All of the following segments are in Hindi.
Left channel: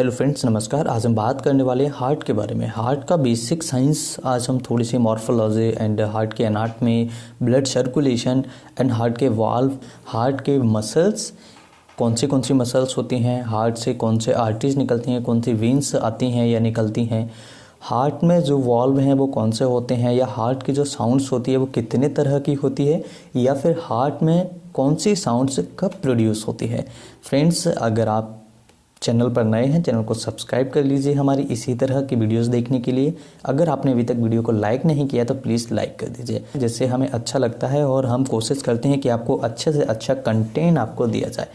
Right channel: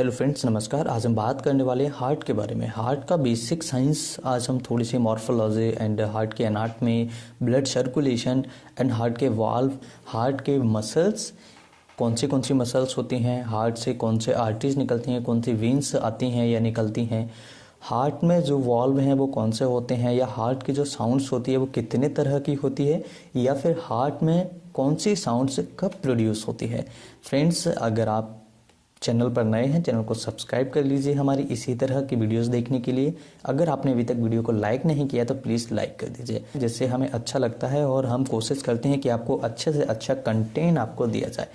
हेलो फ्रेंड्स, नमस्कार। आज हम बात करने वाले हैं हार्ट के बारे में। हार्ट का बेसिक साइंस आज हम थोड़ी सी मॉर्फोलॉजी एंड हार्ट के anatomy, blood circulation and heart के वाल्व, हार्ट के मसल्स, कौन सी मसल्स होती हैं, हार्ट से कौन से आर्टरीज निकलती हैं, कौन सी वेन्स आती हैं या निकलती हैं, हार्ट में जो वॉल्व हैं वो कौन से होते हैं, या हार्ट की जो साउंड्स होती है वो कितने तरह की होती है, या फिर हार्ट में कौन सी साउंड्स कब प्रोड्यूस होती है। फ्रेंड्स, अगर आप चैनल पर नए हैं, चैनल को सब्सक्राइब कर लीजिए हमारी इसी तरह की वीडियोस देखने के लिए। अगर आपने अभी तक वीडियो को लाइक नहीं किया तो प्लीज़ लाइक कर दीजिए, जिससे हमें अच्छा लगता है और हम कोशिश करते हैं कि आपको अच्छे से अच्छा कंटेंट आपको दिया जाए।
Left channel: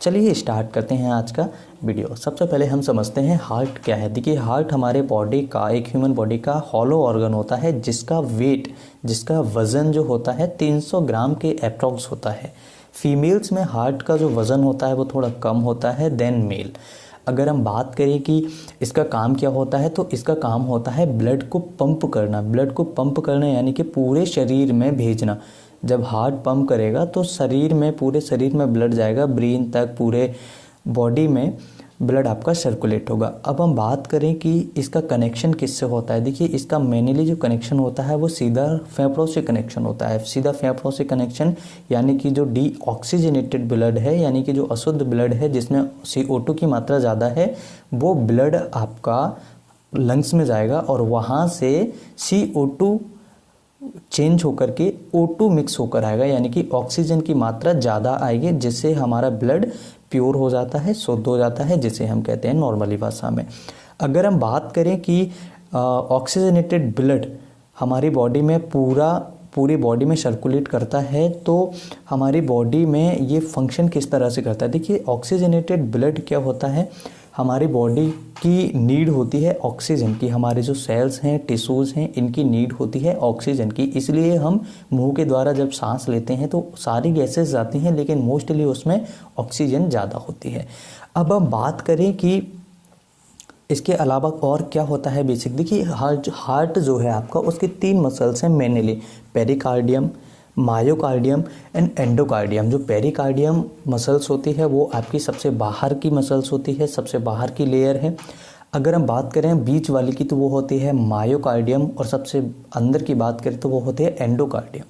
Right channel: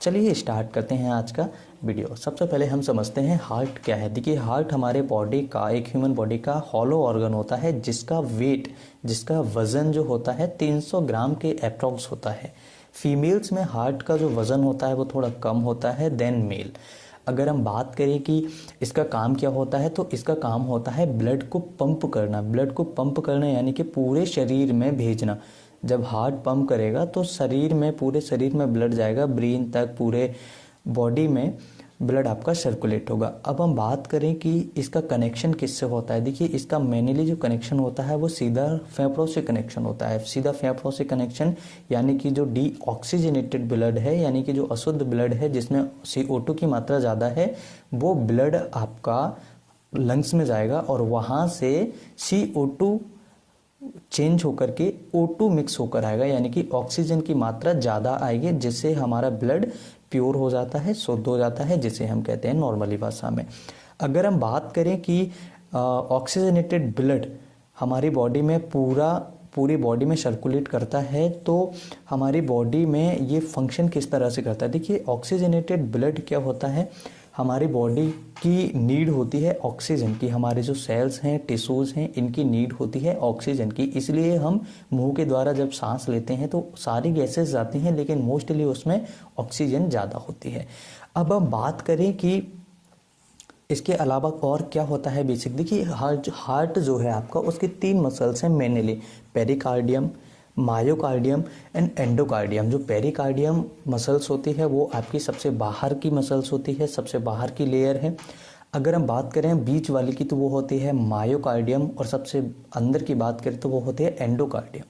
चलिए स्टार्ट करते हैं आज का वीडियो। सबसे पहले हम समझते हैं हार्ट क्या है। देखिए, हार्ट हमारे बॉडी का, एक ह्यूमन बॉडी का हॉलो ऑर्गन होता है जिसका वेट, जिसका वजन जो होता है 300 ग्राम के अप्रॉक्स होता है। फीमेल्स में हार्ट का जो वज़न होता है वो थोड़ा कम होता है देन मेल। अगर हम बात करें कि इसका काम क्या होता है, तो इसका काम होता है ब्लड को पंप करना। ब्लड को पंप करना यानी कि पूरे शरीर में भेजना। जब हार्ट पंप करेगा तो शरीर में, पूरे शरीर में ब्लड जाएगा, ब्रेन तक, पूरे बॉडी में ब्लड आपका सर्कुलेट होगा। अब हम बात करें कि इसका कनेक्शन किससे होता है। देखिए, इसका मेनली जो कनेक्शन होता है वो सीधा फेफड़ों से कनेक्शन होता है। सीधा फेफड़ों से कनेक्शन यानी कि जो डीऑक्सीजनेटेड ब्लड है, यानी कि जो अशुद्ध ब्लड है जिसमें CO2 की मात्रा ज़्यादा है, वो ब्लड आपका लंग्स में जाएगा और वहाँ से CO2 चेंज होकर के O2 मिक्स होकर आएगा, यानी कि ऑक्सीजन की मात्रा ज़्यादा आएगी, जिससे हमारा ब्लड प्योर हो जाता है, शुद्ध हो जाता है, जिसे हम कहते हैं नॉर्मली भाषा में। अगर हम बात करें कि ऑक्सीजनेटेड ब्लड हमारी बॉडी में पूरी बॉडी में सर्कुलेट करता है, तो हमारी बॉडी में ये फंक्शन किस तरह से करता है। देखिए, ऑक्सीजनेटेड ब्लड क्या होता है, हमारी बॉडी की नीड होती है ऑक्सीजन की। हमारे जो सेल्स हैं, टिश्यूज़ हैं, इनकी नीड होती है ऑक्सीजन की। इसलिए हम मुंह के द्वारा जब सांस लेते हैं तो सारी गैसेस जाती हैं, लेकिन मोस्टली उसमें ऑक्सीजन ज़्यादा होती है। अब हम बात करें कि इसके अलावा और क्या होता है बेसिक। देखिए, हार्ट जो है आपका, उसके 3 मसल्स हैं mainly, pericardium, myocardium and endocardium. जो पेरिकार्डियम मसल्स होती है वो आपकी सबसे बाहर की मसल्स होती है, सबसे बाहर की लेयर है। अगर हम बात करें बीच वाली की तो वो होती है मायोकार्डियम, और सबसे अंदर की बात करें तो वो होती है एंडोकार्डियम।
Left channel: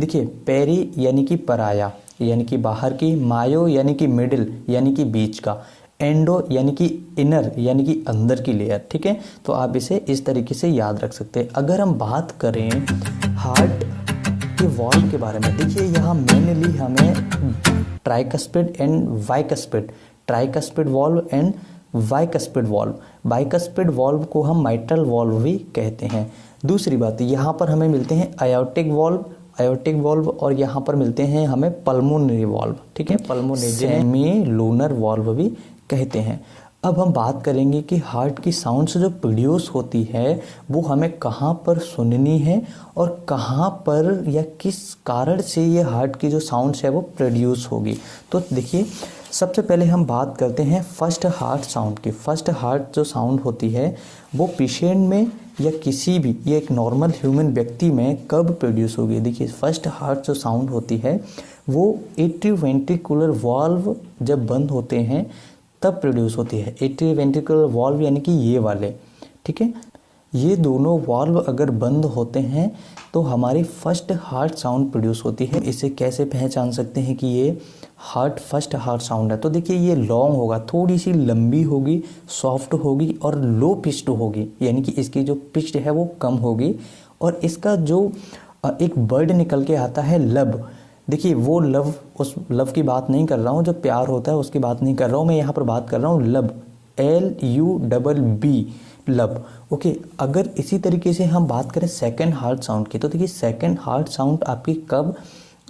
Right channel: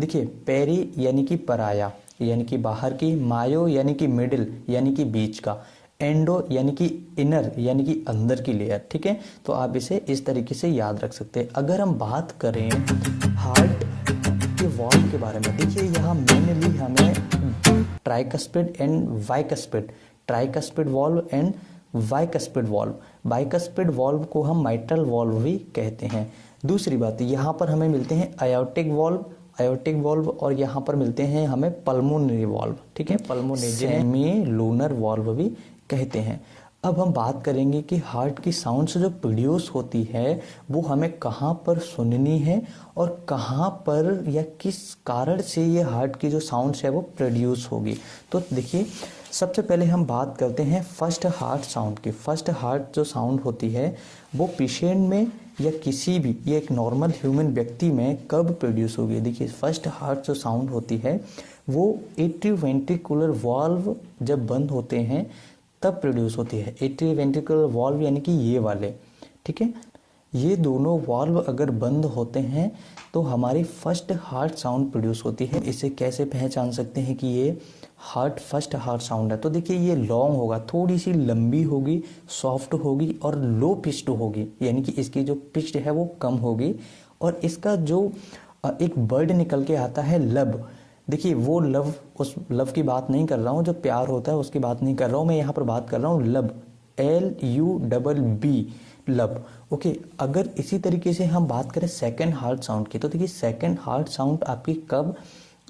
देखिए, पेरी यानी कि पराया, यानी कि बाहर की, मायो यानी कि मिडिल, यानी कि बीच का, एंडो यानी कि इनर, यानी कि अंदर की लेयर। ठीक है, तो आप इसे इस तरीके से याद रख सकते हैं। अगर हम बात करें हार्ट के वॉल्व के बारे में, देखिए यहाँ मेनली हमें tricuspid and bicuspid, tricuspid valve and bicuspid valve, bicuspid valve को हम माइट्रल वॉल्व भी कहते हैं। दूसरी बात, यहाँ पर हमें मिलते हैं आयोटिक वॉल्व, और यहाँ पर मिलते हैं हमें पल्मोनरी वॉल्व। ठीक है, पल्मोनरी सेमी लूनर वॉल्व भी कहते हैं। अब हम बात करेंगे कि हार्ट की साउंड्स जो प्रोड्यूस होती है वो हमें कहाँ पर सुननी है और कहाँ पर या किस कारण से ये हार्ट की जो साउंड्स है वो प्रोड्यूस होगी। तो देखिए, सबसे पहले हम बात करते हैं फर्स्ट हार्ट साउंड की। फर्स्ट हार्ट जो साउंड होती है वो पेशेंट में या किसी भी, ये एक नॉर्मल ह्यूमन व्यक्ति में कब प्रोड्यूस होगी। देखिए, फर्स्ट हार्ट जो साउंड होती है वो एट्रियोवेंट्रिकुलर वाल्व जब बंद होते हैं तब प्रोड्यूस होती है। एट्रियोवेंट्रिकुलर वाल्व यानी कि ये वाले, ठीक है, ये दोनों वाल्व अगर बंद होते हैं तो हमारी फर्स्ट हार्ट साउंड प्रोड्यूस होती है। इसे कैसे पहचान सकते हैं कि ये फर्स्ट हार्ट साउंड है। तो देखिए, ये लॉन्ग होगा, थोड़ी सी लंबी होगी, सॉफ्ट होगी और लो पिच्ड होगी, यानी कि इसकी जो पिच्ड है वो कम होगी। और इसका जो एक वर्ड निकल के आता है लब, देखिए वो लव, उस लव की बात नहीं कर रहा हूँ जो प्यार होता है, उसकी बात नहीं कर रहा हूँ मैं, यहाँ पर बात कर रहा हूँ लब, LUBB, लब। ओके, अगर इसी तरीके से हम बात करें सेकंड हार्ट साउंड की, तो देखिए सेकंड हार्ट साउंड आपकी कब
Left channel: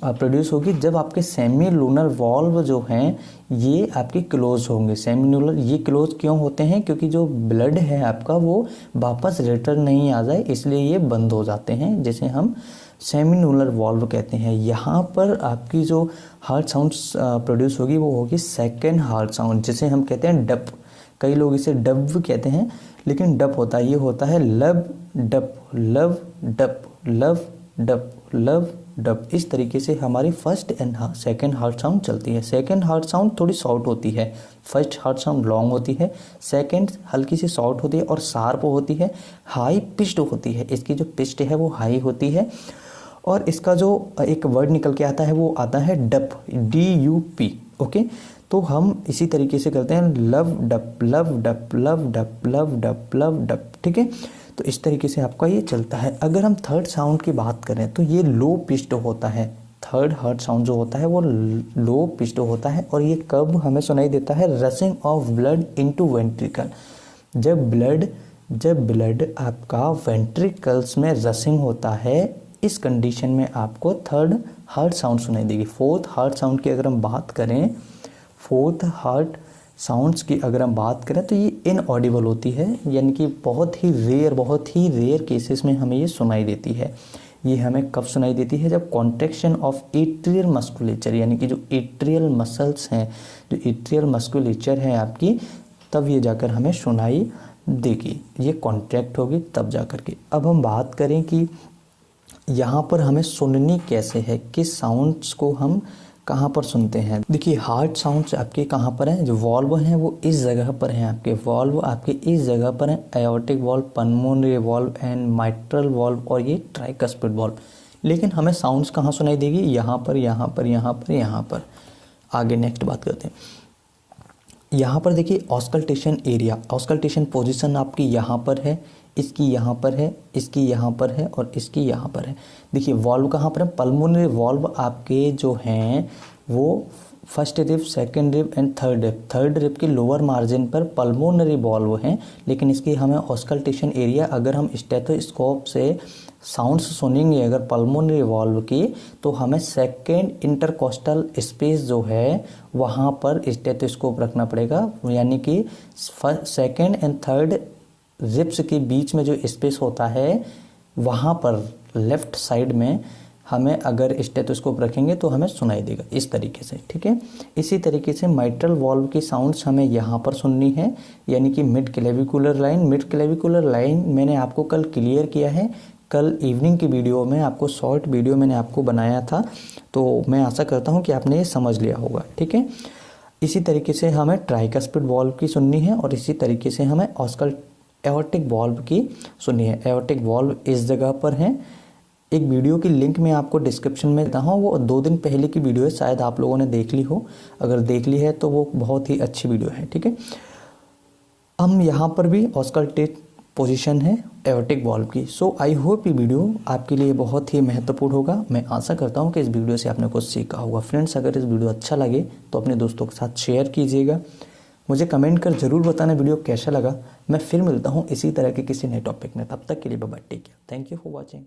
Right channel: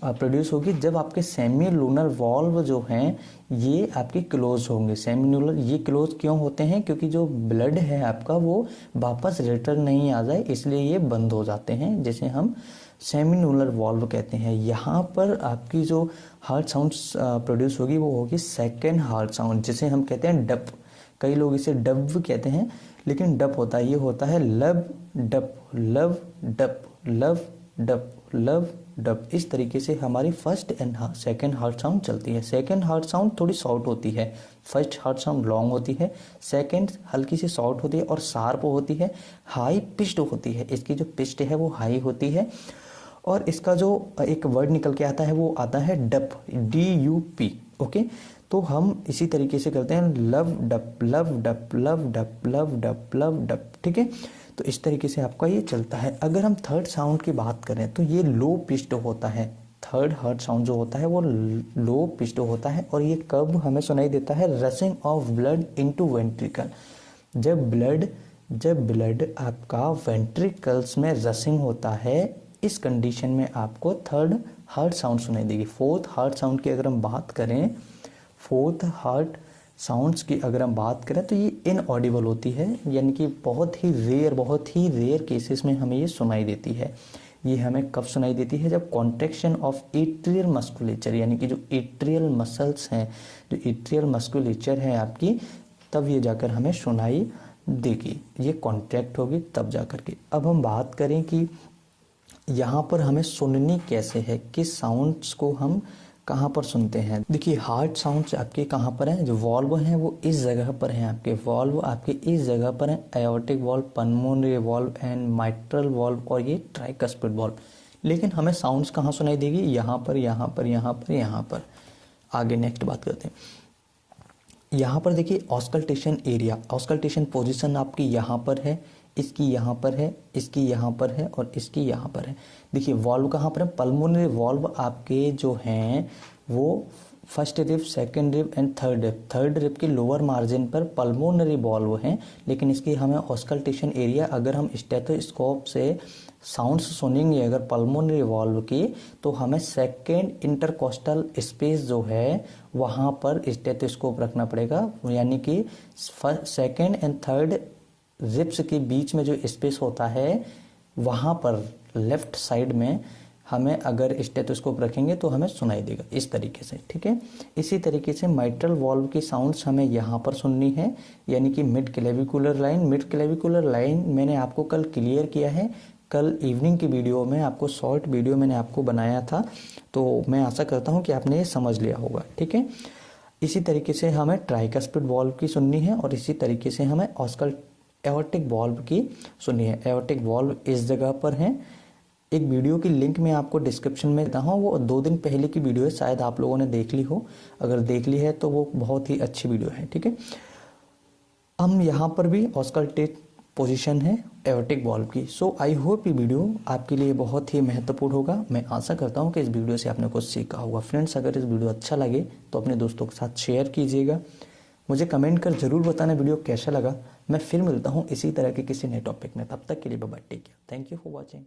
प्रोड्यूस होगी, जब आपके सेमी लूनर वॉल्व जो हैं ये आपके क्लोज होंगे। सेमी लूनर ये क्लोज क्यों होते हैं, क्योंकि जो ब्लड है आपका वो वापस रिटर्न नहीं आ जाए, इसलिए ये बंद हो जाते हैं, जिसे हम सेमिनूलर वॉल्व कहते हैं। यहाँ पर आपकी जो हार्ट साउंड प्रोड्यूस होगी वो होगी सेकेंड हार्ट साउंड, जिसे हम कहते हैं डप। कई लोग इसे डब कहते हैं, लेकिन डप होता है, ये होता है लब डप, लव डप, लव डप, लव डब, इस तरीके से हमारी first and second heart sound चलती है। सेकंड हार्ट साउंड थोड़ी शॉर्ट होती है, फर्स्ट हार्ट साउंड लॉन्ग होती है, सेकंड हल्की सी शॉर्ट होती है और शार्प होती है, हाई पिच्ड होती है। इसकी जो पिच्ड है वो हाई होती है और इसका जो एक वर्ड निकल के आता है वो आता है डप, DUP। ओके, तो हम इसी तरीके से करते हैं लव डप लव डप लव डप लव डप लव डप। ठीक है, तो इस तरीके से आपका ये चलता है। अगर हम थर्ड साउंड की बात करें तो ये लो पिच्ड होता है। थर्ड हार्ट साउंड जो होता है वो लो पिच्ड होता है और ये कब हमें सुनाई देता है? Rushing of blood into ventricle. जब ब्लड आपका वेंट्रिकल्स में रशिंग होता है, इस कंडीशन में आपको थर्ड हार्ट साउंड सुनाई देगी। फोर्थ हार्ट साउंड की अगर हम बात करें, फोर्थ हार्ट साउंड्स की अगर हम बात करें तो ये इनऑडिबल होती है, यानी कि बहुत ही रेयर केसेस में हमें ये सुनाई देती है। ये हमें कब सुनाई देती है? जब कॉन्ट्रैक्शन ऑफ एट्रियल मस्कुलेचर, यानी कि जो एट्रियल मसल्स हैं, जो एट्रियल मस्कुलेचर है आपकी, तब ये जाकर हमें सुनाई देगी, ये कॉन्ट्रैक्ट होगी तब जाकर के। अब हम बात करें कि यहाँ पर हमें सुननी कैसे है, किस साउंड्स को हम कहाँ पर सुनते हैं। देखिए हार्ट साउंड्स आपके कहाँ पर हैं, जो वॉल्व हैं वो इस जगह पर हैं आपके, वॉल्व आपके इस जगह पर हैं, aortic valve, pulmonary valve and mitral valve और ये ट्राइकस्पिड वॉल्व। लेकिन हमें साउंड्स कहाँ सुनाई देगी? यहाँ पर, यहाँ पर, यहाँ पर, यहाँ पर। आगे नेक्स्ट बात करते हैं। यहाँ पर देखिए ऑस्कल्टेशन एरिया, ऑस्कल्टेशन पोजीशन आपकी यहाँ पर है, इसकी यहाँ पर है, इसकी यहाँ पर है और इसकी यहाँ पर है। देखिए वॉल्व कहाँ पर है? पल्मोनरी वॉल्व आपके जो हैं वो first rib, second rib end third rib, third rib के लोअर मार्जिन पर पल्मोनरी वॉल्व हैं। लेकिन इसकी हमें ऑस्कल्टेशन एरिया, अगर हम स्टेथोस्कोप से साउंड्स सुनेंगे अगर पल्मोनरी वॉल्व की, तो हमें सेकेंड इंटरकोस्टल स्पेस जो है वहाँ पर स्टेथोस्कोप रखना पड़ेगा, यानी कि सेकेंड एंड थर्ड रिब्स के बीच में जो स्पेस होता है वहाँ पर लेफ्ट साइड में हमें अगर स्टेथोस्कोप रखेंगे तो हमें सुनाई देगा इस तरीके से। ठीक है, इसी तरीके से माइट्रल वॉल्व की साउंड्स हमें यहाँ पर सुननी है, यानी कि mid clavicular line. Mid clavicular line मैंने आपको कल क्लियर किया है, कल इवनिंग की वीडियो में आपको शॉर्ट वीडियो मैंने आपको बनाया था, तो मैं आशा करता हूँ कि आपने ये समझ लिया होगा। ठीक है, इसी तरीके से हमें ट्राइकस्पिड वॉल्व की सुननी है और इसी तरीके से हमें एओर्टिक वॉल्व की सुननी है। एओर्टिक वॉल्व इस जगह पर है। एक वीडियो की लिंक मैं आपको डिस्क्रिप्शन में देता हूँ, वो 2 दिन पहले की वीडियो है, शायद आप लोगों ने देख ली हो। अगर देख ली है तो वो बहुत ही अच्छी वीडियो है। ठीक है, हम यहाँ पर भी ऑस्कल्टेट पोजीशन है एओर्टिक वॉल्व की। सो आई होप ये वीडियो आपके लिए बहुत ही महत्वपूर्ण होगा। मैं आशा करता हूँ कि इस वीडियो से आपने कुछ सीखा होगा। फ्रेंड्स, अगर इस वीडियो अच्छा लगे तो अपने दोस्तों के साथ शेयर कीजिएगा। मुझे कमेंट कर जरूर बताना वीडियो कैसा लगा। मैं फिर मिलता हूँ इसी तरह के किसी नए टॉपिक में, तब तक के लिए bye bye, take care, thank you for watching.